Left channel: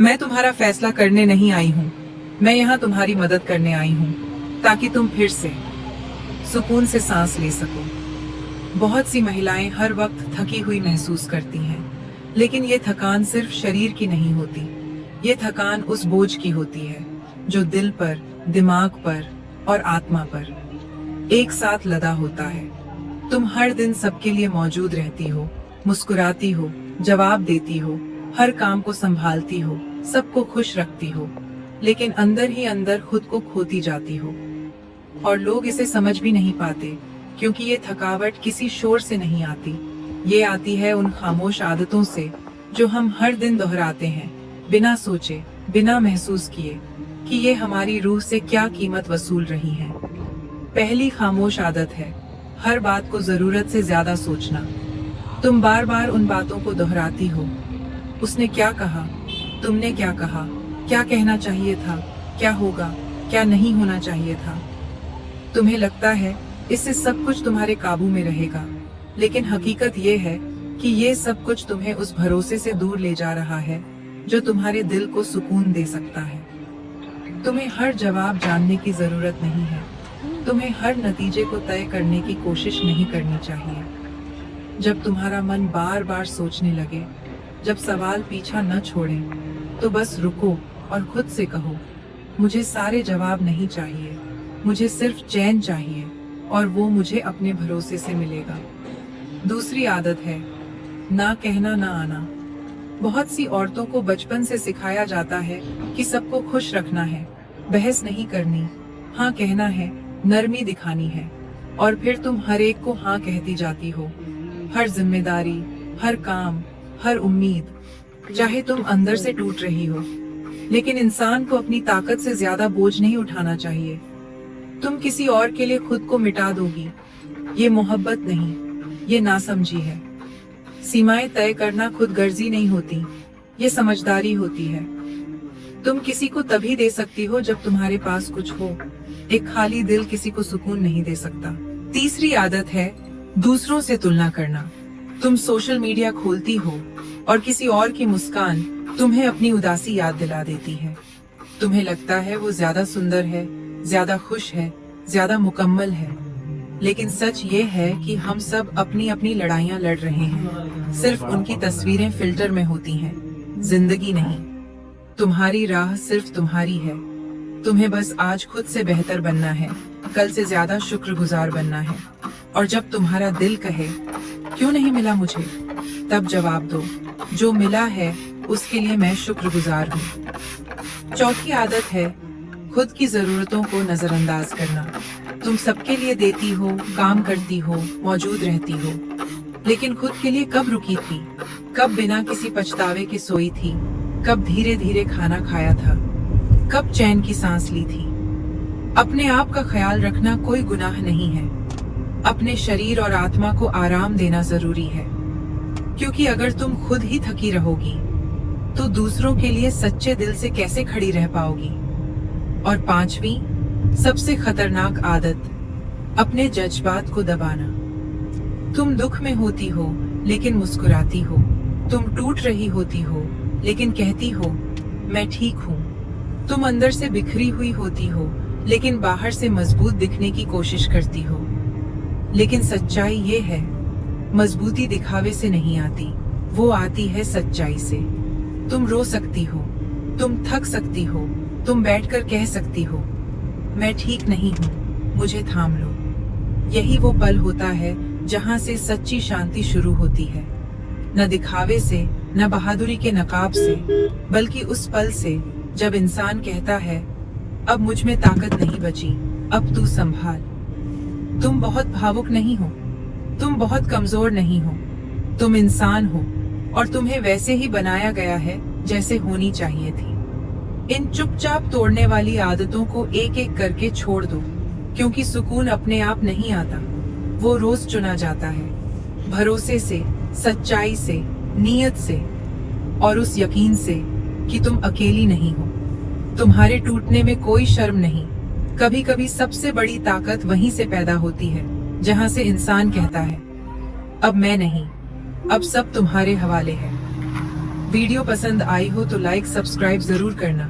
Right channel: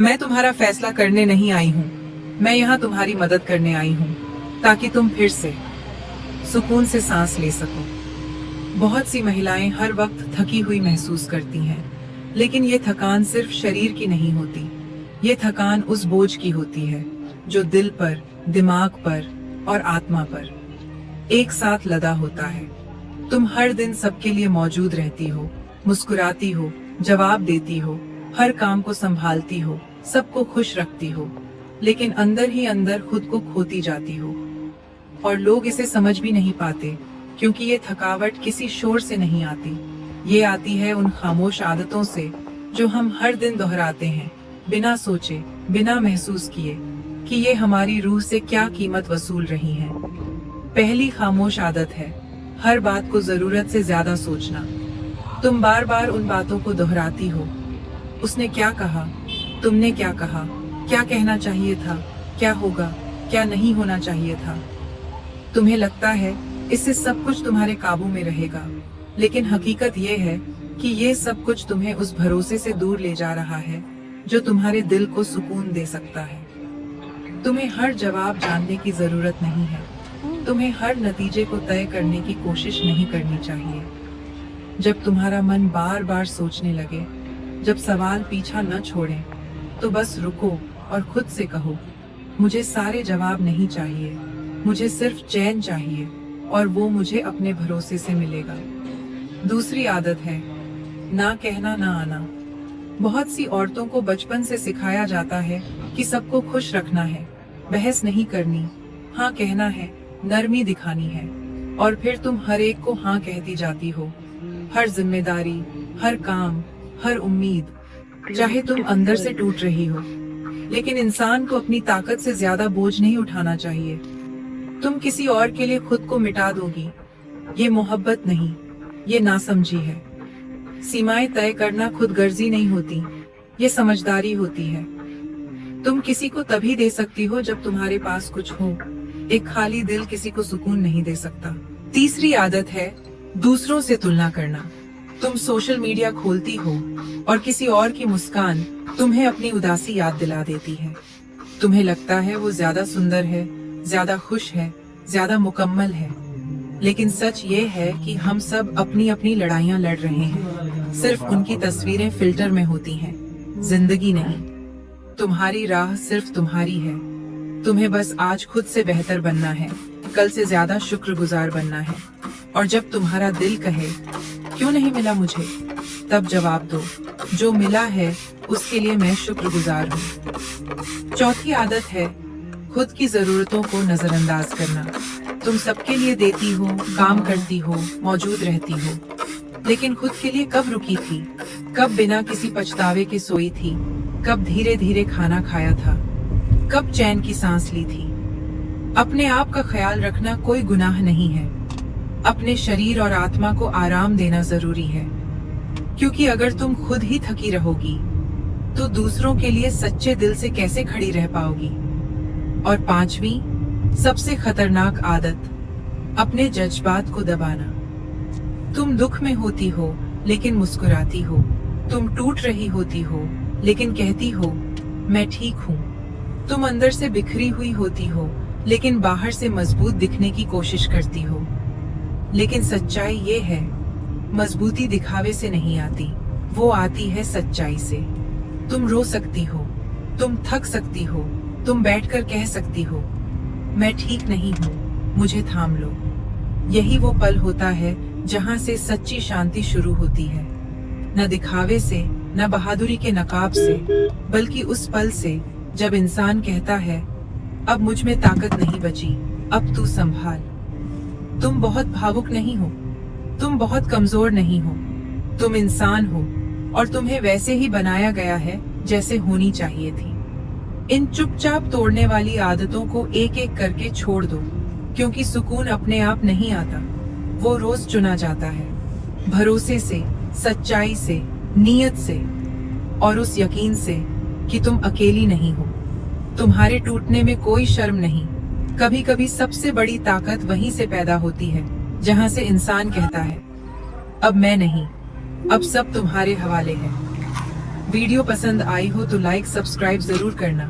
मैं तुम्हारा फैसला करने नहीं आई हूँ। मैं यहाँ तुम्हारी मदद करने आई हूँ, ताकि तुम फिर से सुकून से सांस ले सको। बहुत सी महिलाएं हर वक्त थकी हुई महसूस करती हैं, लेकिन ये थकान सिर्फ शरीर की नहीं होती। ये थकान उस बोझ की होती है जो दिल पर, दिमाग पर और आत्मा पर एक साथ लदा होता है। तुम हर दिन सबके लिए मौजूद रहती हो, मुस्कुराती हो, जवाब देती हो, हर काम को संभालती हो, सबको खुश रखती हो, लेकिन अंदर ही अंदर खुद को खोती जाती हो। और लोग इसे समझ भी नहीं पाते, क्योंकि ये थकावट किसी शोर से नहीं आती। ये आती है उन खामोश आदतों से जो हम हर दिन दोहराते हैं, बिना सोचे, बिना महसूस किए कि ये हमारी रूह से क्या कीमत वसूल रही हैं। पहली खामोश आदत है हर बात को जरूरत से ज्यादा सोचना। तुम बार बार उन बातों को दोहराती हो। उसने क्या कहा, तुमने क्या कहा, क्या कहना चाहिए था, क्या होगा, क्या नहीं होना चाहिए था। तुम्हें लगता है इससे सब कुछ तुम्हारे काबू में रहेगा, लेकिन हकीकत ये है कि ये सब कुछ तुम्हें उस भरोसे से दूर ले जा रहा है जो तुम्हारे दिल को सुकून दे सकता है। तुम्हें हर जवाब जानने की जरूरत नहीं है। तुम्हें हर नतीजे को तय करने की कोशिश नहीं करनी चाहिए। जब तुम्हारा मन बार बार सोचने लगे, जब सवाल पीछा न छोड़े, तो बस रुको और खुद से कहो, मुझे सारे जवाब नहीं चाहिए, मुझे सिर्फ चैन चाहिए, और वो मुझे अपने भरोसे से मिलेगा। दूसरी आदत है ना कहना ना आना। बहुत सी औरतों को बचपन से सिखाया जाता है कि सबको खुश रखना है, बहस नहीं करनी, हाँ कहना है, नरमी दिखानी है, और फिर तुम हर एक को हाँ कहती जाती हो। हर जिम्मेदारी, हर काम, हर उम्मीद, चाहे तुम अंदर से टूट रही हो। लेकिन इंसान को अपनी ताकत से ज्यादा बोझ नहीं उठाना चाहिए। तुम किसी और के लिए खुद को मिटा दोगी, ये मोहब्बत नहीं, ये नासमझी है। सीमाएं तय करना खुद गर्जी नहीं होती, ये समझदारी होती है। तुम किसी को तभी दे सकती हो जब तुम्हारे पास कुछ हो। एक खाली दिल किसी को सुकून नहीं दे सकता। तीसरी आदत है दूसरों से तुलना करना। तुम सोशल मीडिया खोलती हो और किसी और की मुस्कान तुम्हें अपनी उदासी याद दिला देती है। तुम्हें लगता है वो ज्यादा सुंदर है, ज्यादा खुश है, ज्यादा मुकम्मल है। लेकिन सच ये है कि हम सब अपनी अपनी लड़ाइयां लड़ रहे हैं। सिर्फ उनकी तस्वीरें फिल्टर में होती हैं, जिंदगी नहीं। तुम्हारी राह सिर्फ तुम्हारी है। तुम्हें बस आज खुद से बेहतर बनना है, कल से ज्यादा शुक्रगुजार बनना है। और जब तुम्हारा दिल कहे क्यों नहीं मिला मुझे, तब जवाब दो, जो मिला है उसके लिए मैं शुक्रगुजार हूँ। चौथी आदत है खुद की जरूरतों को नजरअंदाज करना। तुम सबके लिए देती हो, काम करती हो, मौजूद रहती हो, लेकिन खुद के लिए कब रुकी थी? कब बिना किसी पछतावे के सोई थी? कब धीरे धीरे खाना खाया था? कब चैन की सांस ली थी? अपने आप का ख्याल रखना कोई गुनाह नहीं है। अपने शरीर और आत्मा को आराम देना जरूरी है, क्योंकि अगर तुम खुद ही थकी रहोगी तो दूसरों के लिए सच्चे दिल से कैसे खड़ी रह पाओगी। और पांचवी सबसे खतरनाक आदत, अपने जज्बात को दबाना। तुम दुख में होती हो लेकिन मुस्कुराती हो। तुम टूट रही होती हो लेकिन कहती हो मैं ठीक हूँ। तुम अंदर से बिखरी हुई होती हो लेकिन बाहर से मजबूत दिखने की कोशिश करती हो। लेकिन सच्चाई ये है, मजबूती दिखावे से नहीं आती, वो आती है सच्चाई से। तुम रो सकती हो, तुम थक सकती हो, तुम बैठकर कह सकती हो मैं ठीक नहीं हूँ, मुझे थाम लो। यही वो पल होता है जहाँ से सच्ची शांति शुरू होती है। न दिखावे से, न बहादुरी के नकाब से, बल्कि उस पल से जब इंसान कहता है अब मुझ में ताकत नहीं बची, अब तू संभाल। तुम बहुत भावुक नहीं हो, तुम बहुत कमजोर नहीं हो, तुम इंसान हो, और तुम्हें वैसे ही बनाया गया है जैसे होनी चाहिए थी। इन चुपचाप तोड़ने वाली आदतों को एक एक करके छोड़ दो, क्योंकि सुकून अपने आप नहीं आता, वो रोज चुना जाता है। भरोसे से, सच्चाई से, नीयत से, और उस यकीन से कि तुम अकेली नहीं हो। तुम्हारे टूटने में कोई शर्म नहीं। कभी कभी सबसे बड़ी ताकत वहीं से पैदा होती है जहां से इंसान कहता है अब मैं नहीं, अब सब तुम्हारे हवाले है। वीडियो पसंद आई हो तो लाइक सब्सक्राइब जरूर करना।